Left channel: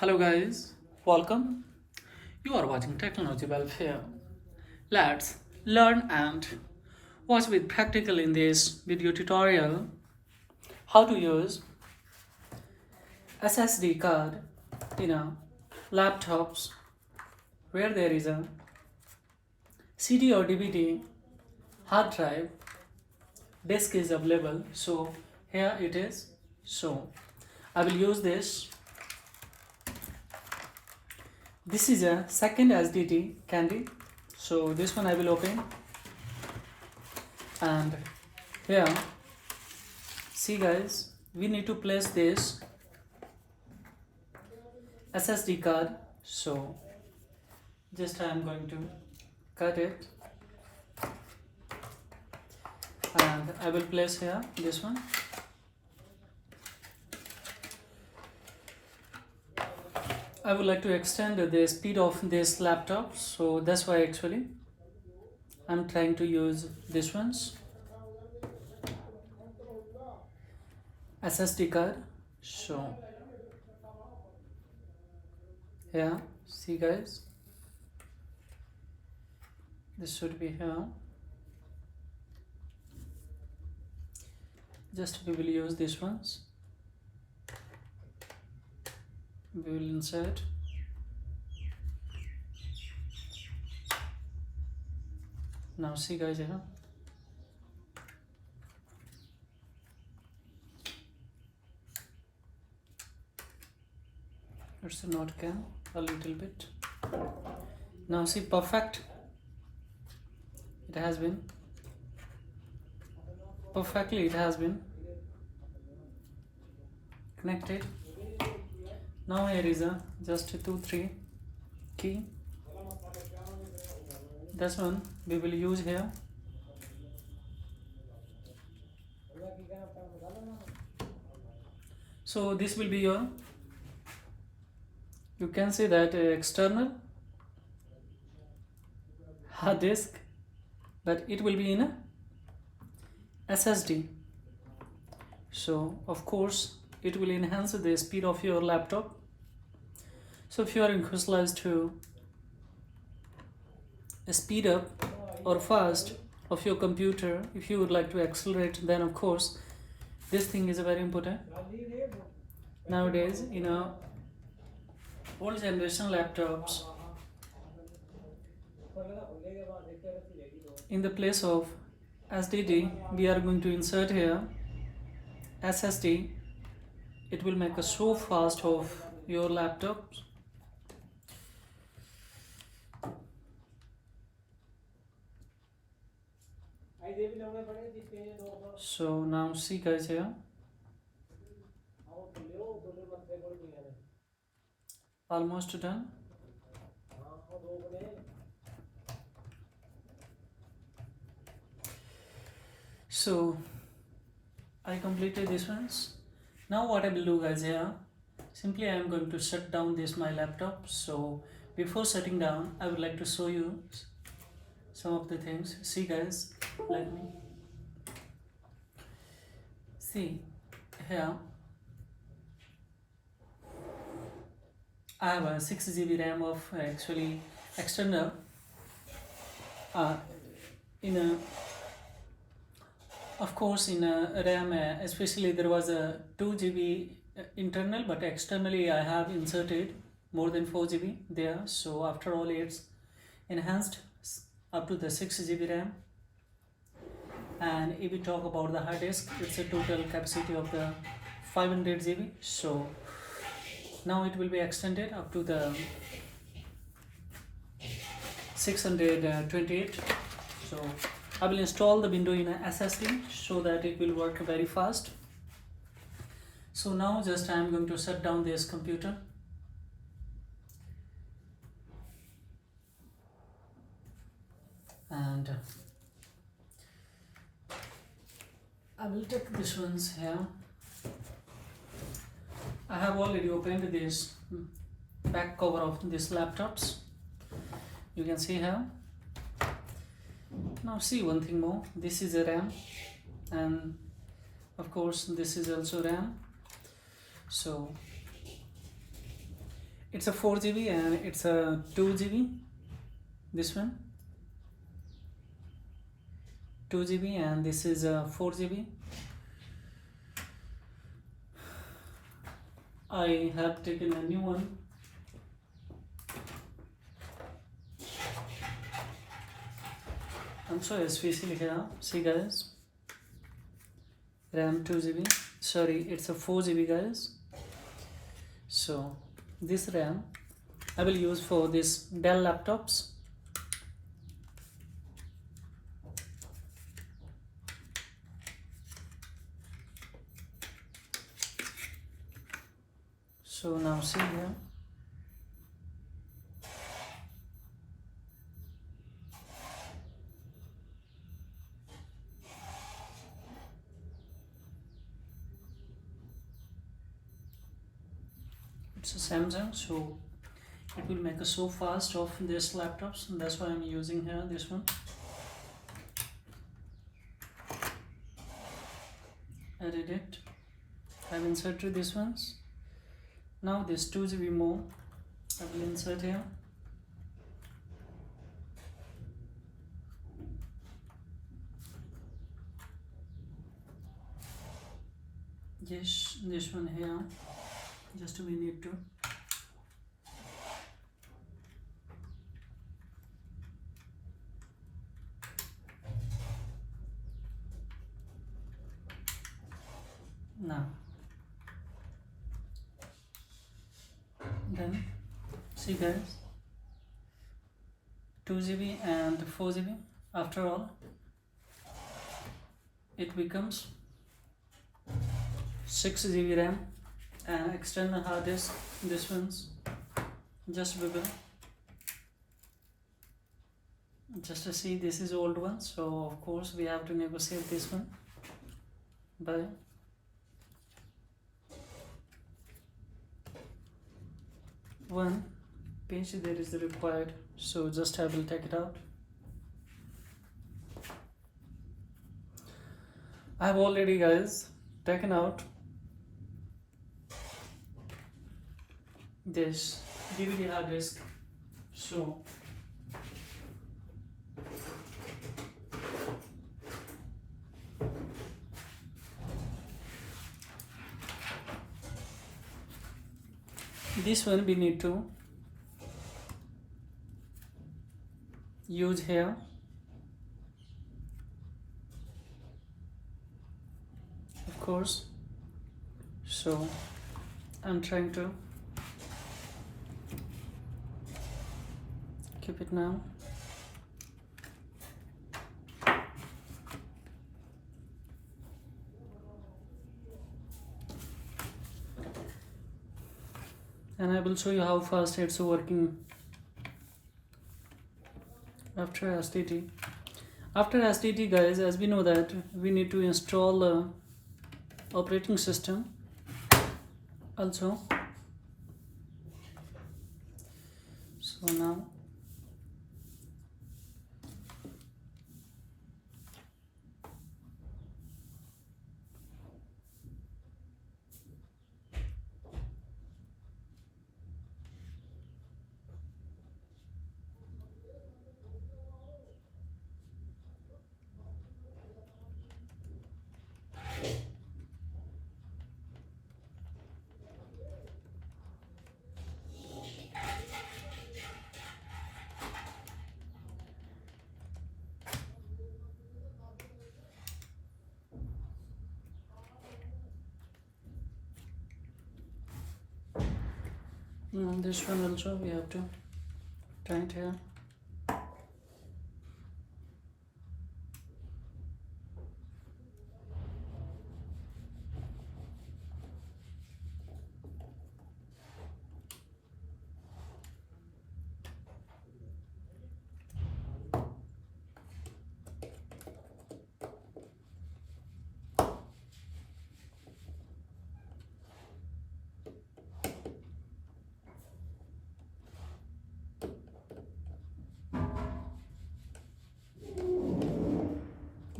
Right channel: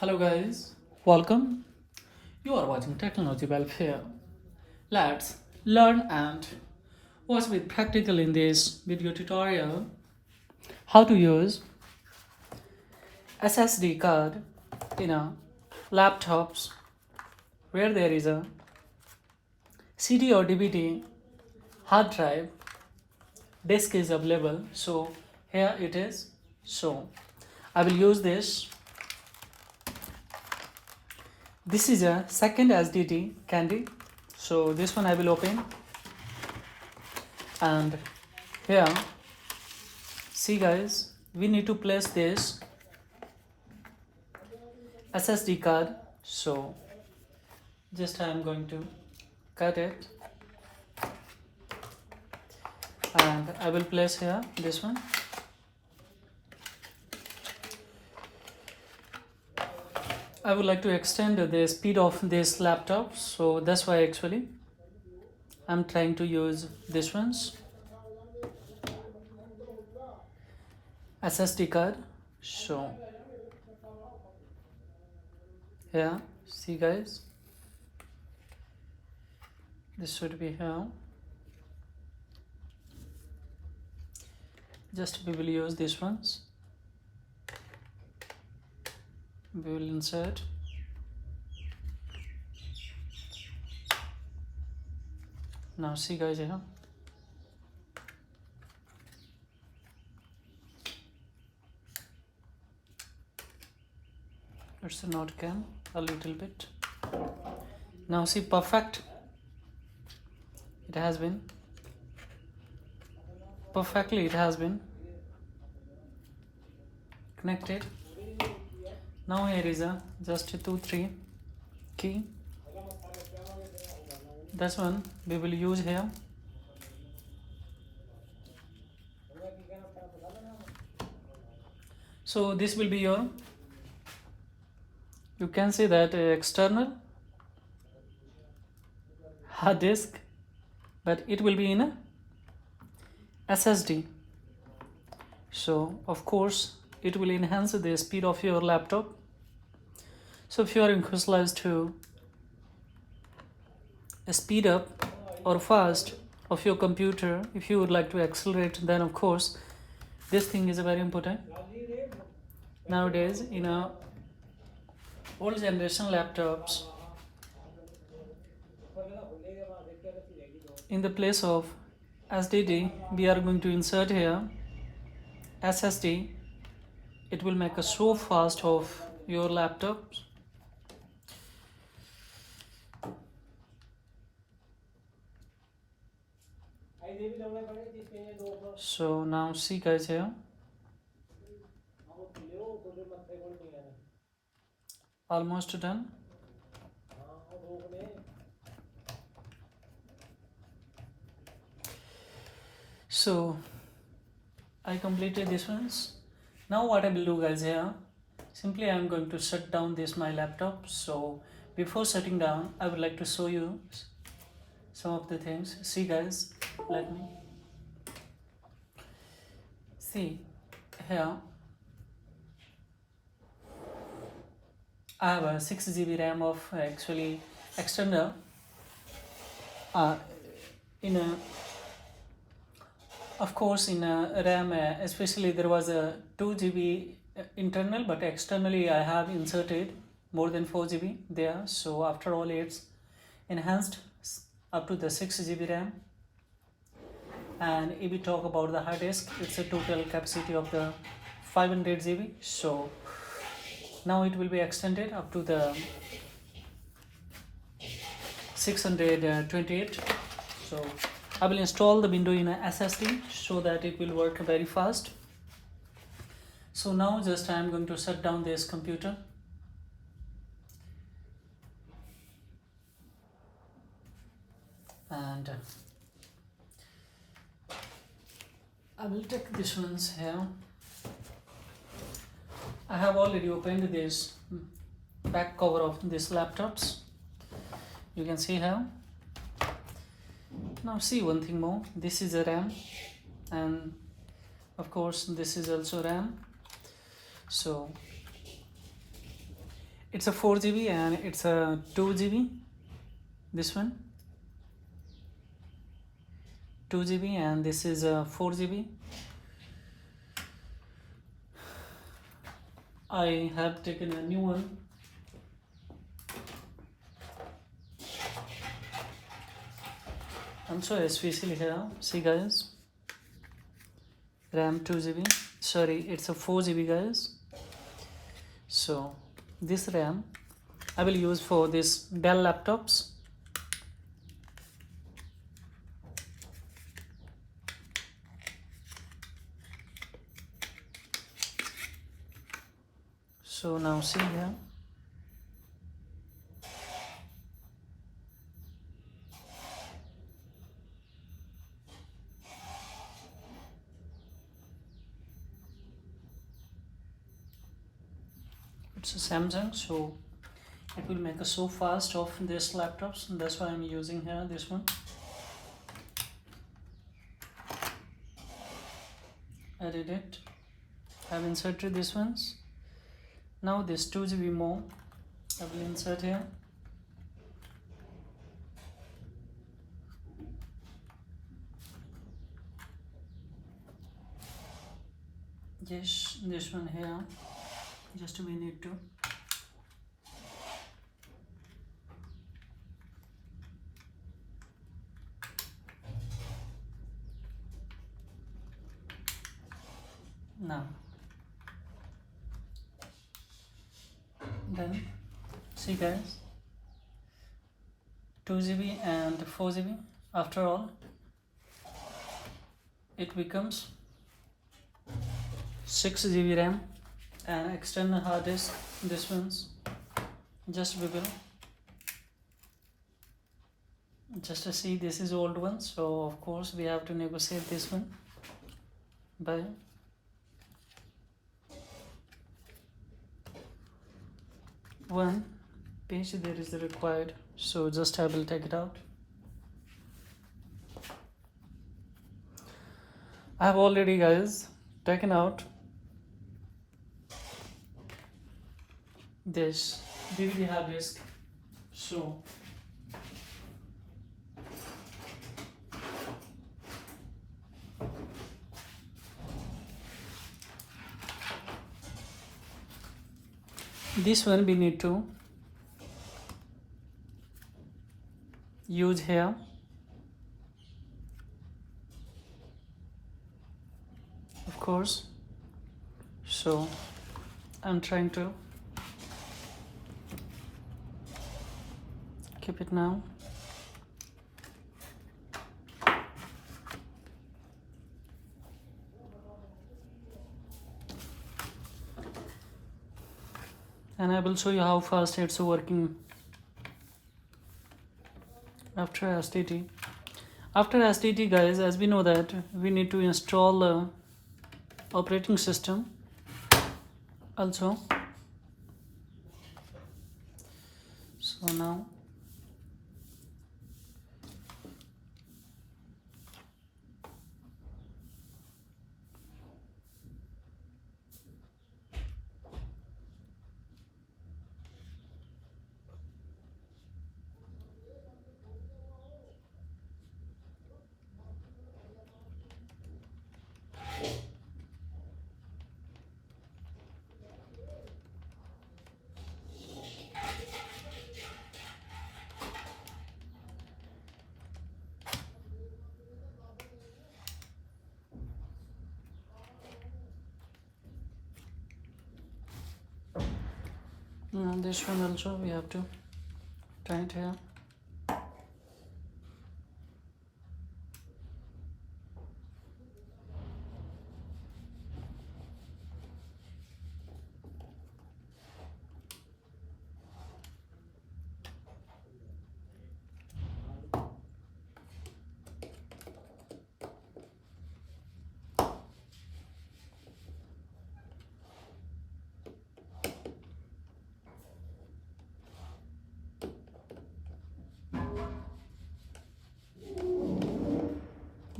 Hello guys, welcome. You are watching Technology Welfare. Let's learn and watch with practical in this video tutorial how to use SSD card in a laptops where there is a CD or DVD hard drive disk is available. So here it is. So I will use this. This is a second SSD candy. So this one I will open, and here see guys, we need to place this SSD card. So just I am going to cut it and I will place here this one. I would like to extend the speed of this laptop, so that's why actually I'm trying to use this one's SSD card. So here see guys, this should be here. Just we will use this ones. We will insert. Now see guys here. Let's not cam a little bit. Now see, perfect. It has been perfectly. It has been connected. Now here is a just 2-3 key. This one we will use here. So this will be your, you can see that external hard disk, but it will be in a SSD. So of course it will enhance the speed of your laptop. So if you are interested to speed up or fast of your computer, if you would like to accelerate, then of course this thing is very important. Nowadays in a old generation laptops, in the place of SSD we are going to insert here SSD. It will make a so fast of your laptops. So now see guys here, almost done. So I completed this ones. Now what I will do guys here, simply I am going to shut down this my laptop. So before shutting down, I would like to show you some of the things. See guys, let me see here. I have a 6 GB RAM of actually external in a, of course in a RAM especially there was a 2 GB internal, but externally I have inserted more than 4 GB there. So after all it's enhanced up to the 6 GB RAM. And if we talk about the hard disk, it's a total capacity of the 500 GB. So now it will be extended up to the 628. So I will install the window in a SSD so that it will work very fast. So now just I am going to shut down this computer. And I will take this ones here. I have already opened this back cover of this laptops. You can see here. Now see one thing more. This is a RAM, and of course this is also RAM. So It's a 4 GB and it's a 2 GB. This one 2 GB and this is a 4 GB. I have taken a new one. Also especially here, see guys, RAM 2 GB, sorry, it's a 4 GB guys. So this RAM I will use for this Dell laptops. So now see here, it's a Samsung, so it will make a so fast of this laptops, and that's why I'm using here this one. Added it, I've inserted these ones. Now this 2 GB more I will insert here. This one here, just we need to now. Then see guys, 2 GB and 4 GB, after all it becomes 6 GB RAM and external hard disk. This one's just we will just to see, this is old one, so of course we have to negotiate this one by one page there is the required, so just I will take it out. I have already guys taken out this DVD hard disk, so this one we need to use here. Of course, so I'm trying to keep it now. And I will show you how fast it's working after STT. After STT guys, as we know that we need to install operating system also. So now this one also we have to turn it here.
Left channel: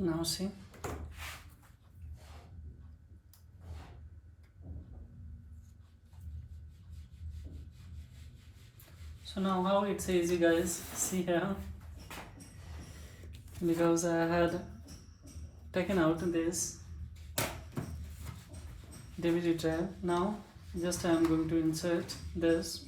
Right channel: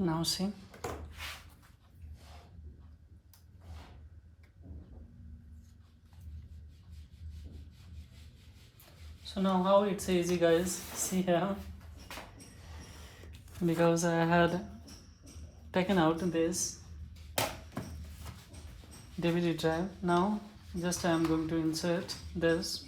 Now see, So now how it's easy, guys, see here, because I had taken out this DVD drive. Now just I am going to insert this.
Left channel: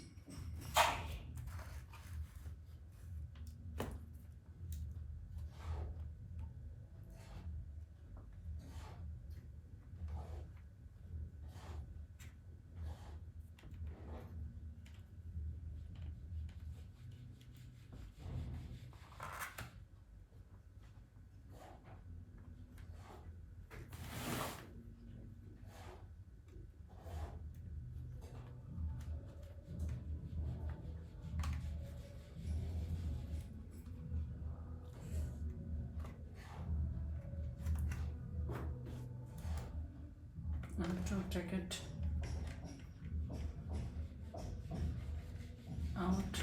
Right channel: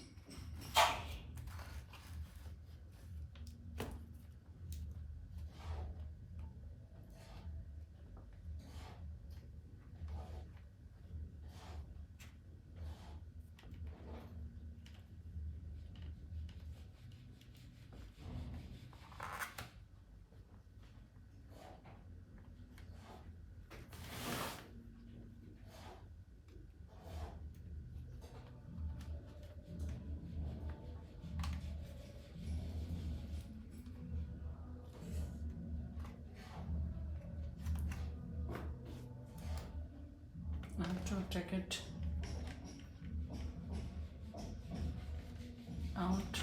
I have to take it out.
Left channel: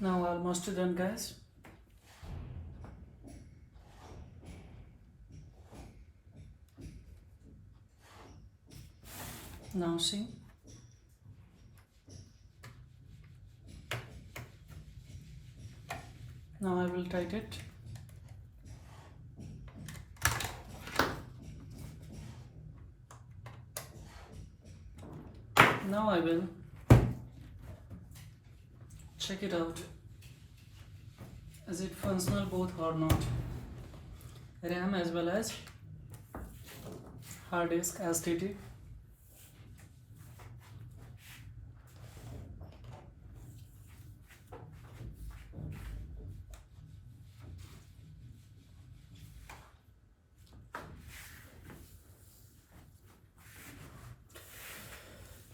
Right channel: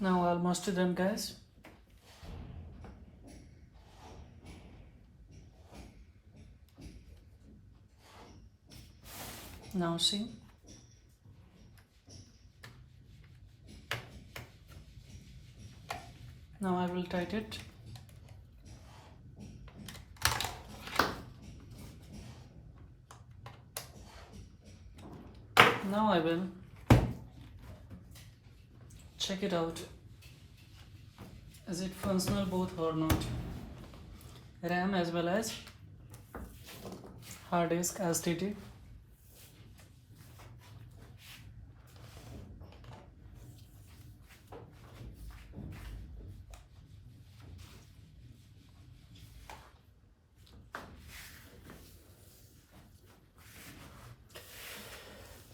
Now almost done, guys. Now see. Now I will tighten it. Now I will check it out. Is it functional both or not? RAM as well as hard disk SSD.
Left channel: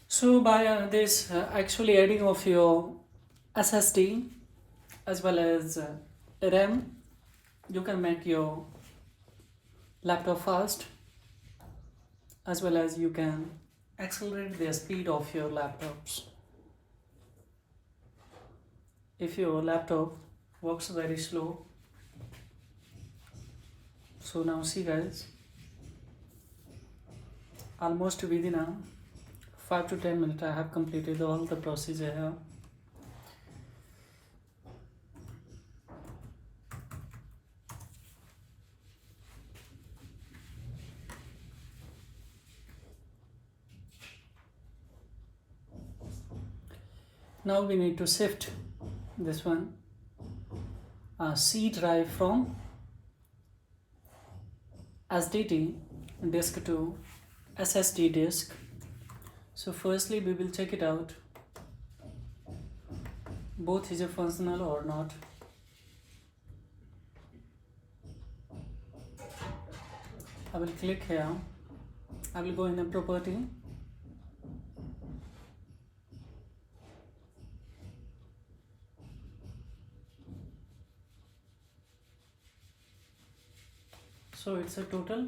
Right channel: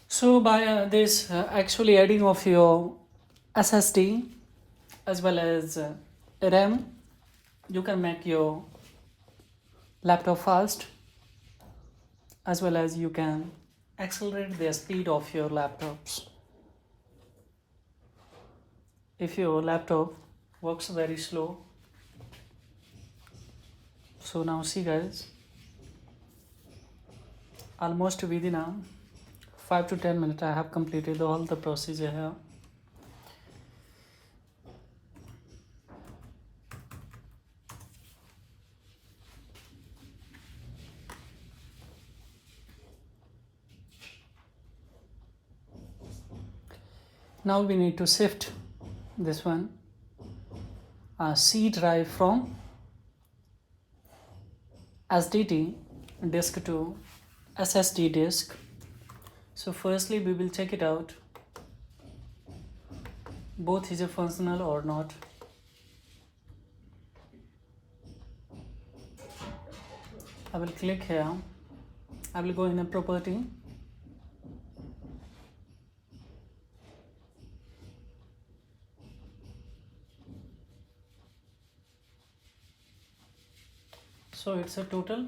So by this actually adding of your SSD as well as RAM, you can make your laptop fast, as well as you can accelerate the speed of your laptops. If your laptop works very slow, so now see, guys, almost within 5 to 10 minutes I have completed all the procedure here. Now we need to shift this one C drive from SSD disk to SSD disk. So firstly we will check it out, both is a functional or not. I will click here, I will go in a property, so it's a total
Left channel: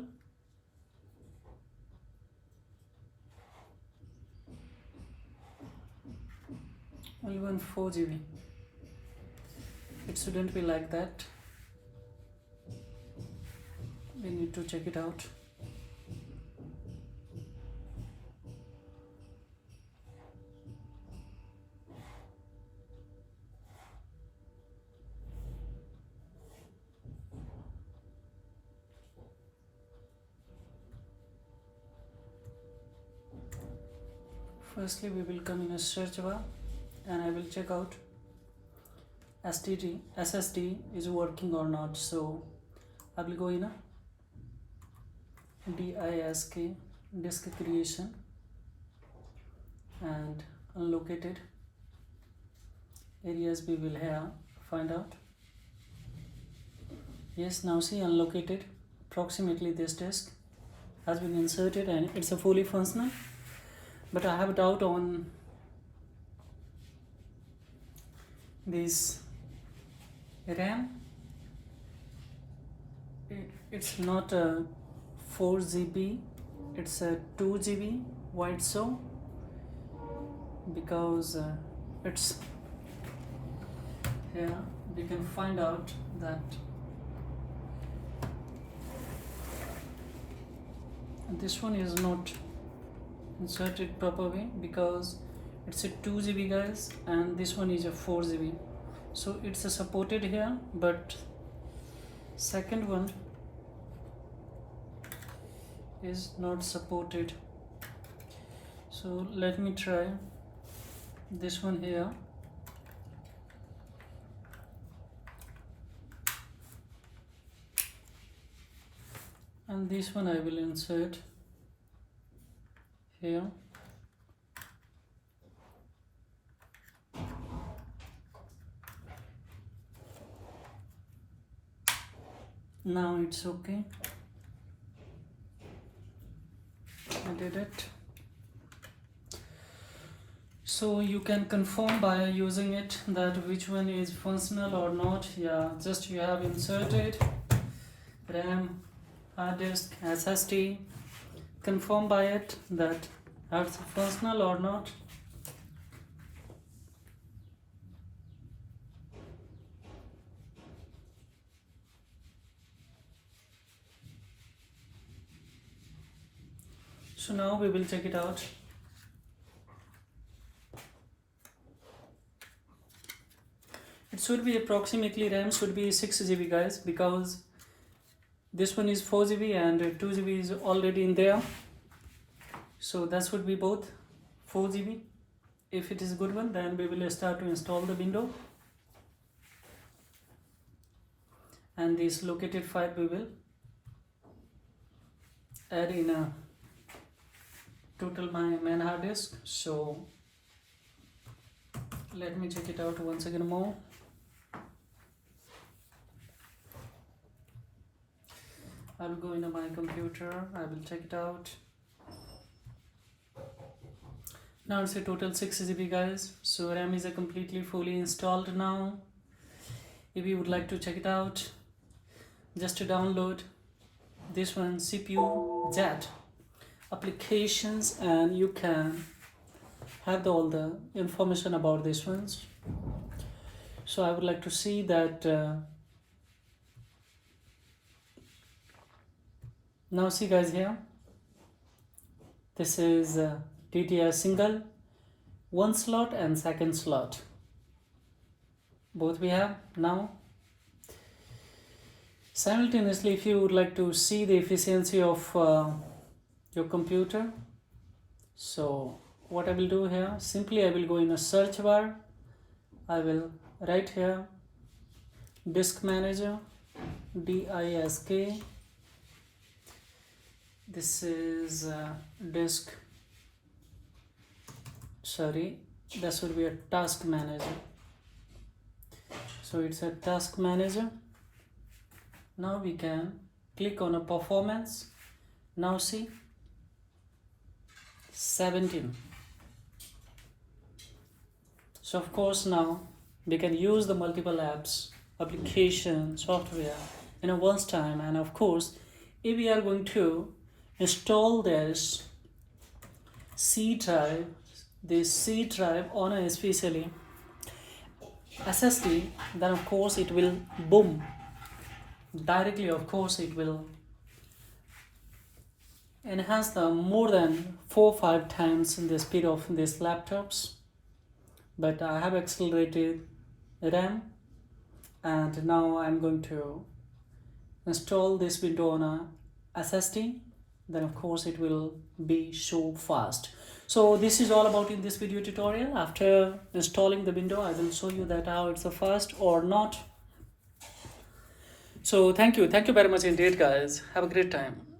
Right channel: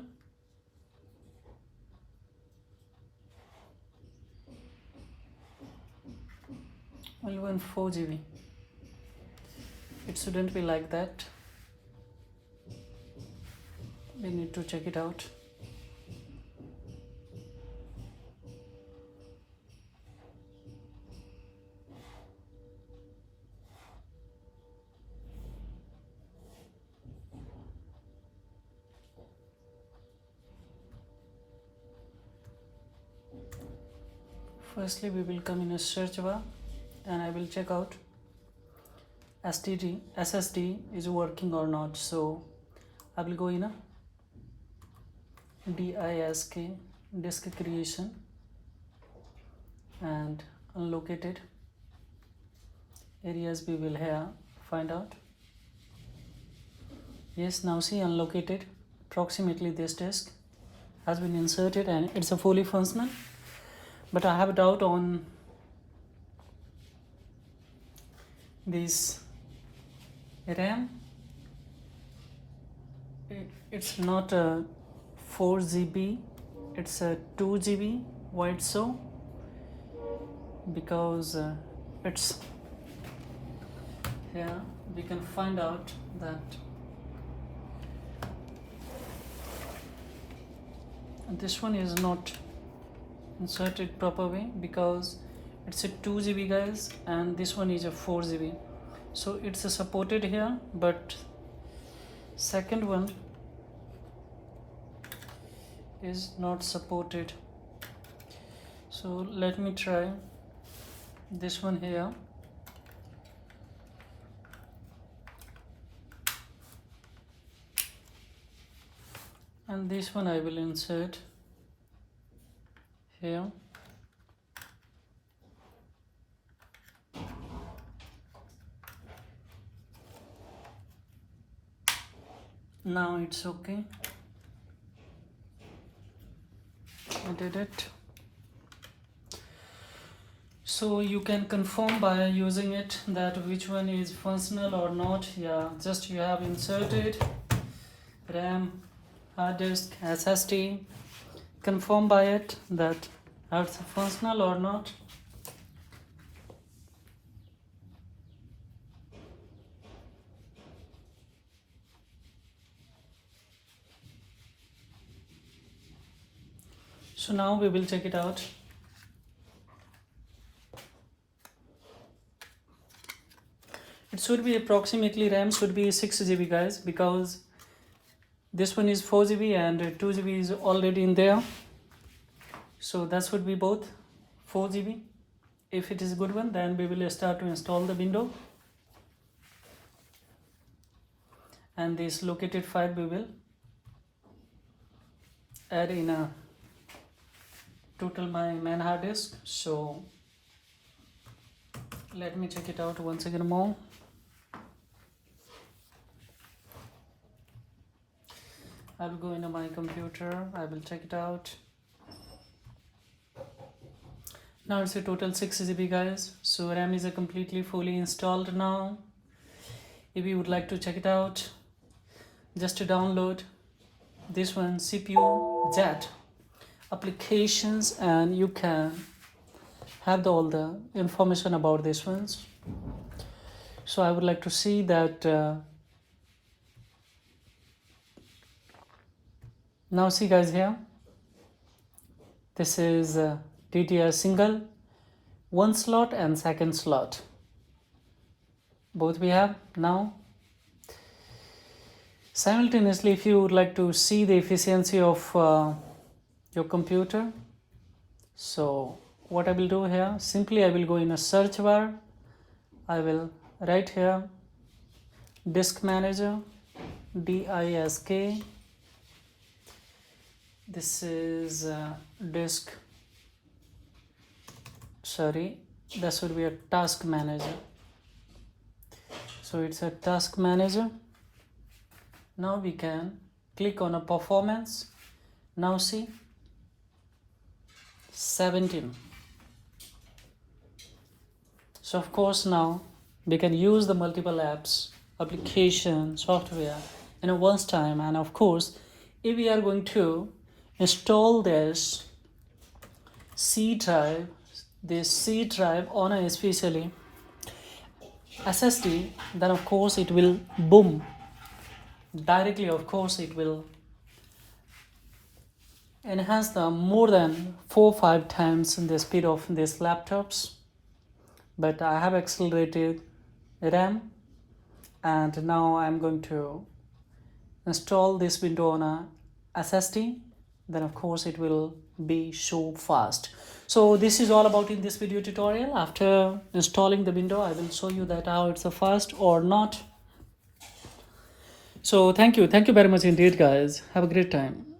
only 4 GB. It shouldn't be like that. We need to check it out. Firstly we will come in a search bar and I will check out SSD is working or not. So I will go in a disk creation, and unlocated areas we will here find out. Yes, now see, unlocated approximately this disk has been inserted and it's a fully functional, but I have a doubt on this RAM. It's not a 4 GB, it's a 2 GB. Why it's so? Because it's here we can find out that this one is not inserted proper way, because it's a 2 GB guys and this one is a 4 GB, so it's a supported here, but second one is not supported. So let me try this one here. And this one I will insert here. Now it's okay. I did it. So you can confirm by using it that which one is functional or not. Yeah, just you have inserted RAM, hard disk, SSD. Confirm by it that it's functional or not. So now we will check it out. It should be approximately RAM should be 6 GB guys, because this one is 4 GB and 2 GB is already in there. So that would be both 4 GB. If it is a good one, then we will start to install the window. And this located file we will add in a total my main hard disk. So let me check it out once again more. I will go into my computer, I will check it out. Now it's a total 6 GB guys. So RAM is a completely fully installed now. If you would like to check it out, just to download this one, CPU JAT applications, and you can have all the information about these ones. So I would like to see that now see guys, here this is DDR single, one slot and second slot, both we have now. Simultaneously, if you would like to see the efficiency of your computer, so what I will do here, simply I will go in a search bar, I will write here disk manager, disk. This is disk, sorry, that should be a task manager. So it's a task manager. Now we can click on a performance. Now see 17. So of course now we can use the multiple apps, application, software in a once time. And of course, if we are going to install this C drive on a especially SSD, then of course it will boom directly. Of course it will enhance the more than 4-5 times the speed of these laptops. But I have accelerated RAM, and now I'm going to install this window on a SSD. Then of course it will be so fast. So this is all about in this video tutorial. After installing the window, I will show you that how it's a fast or not. So thank you very much indeed guys. Have a great time.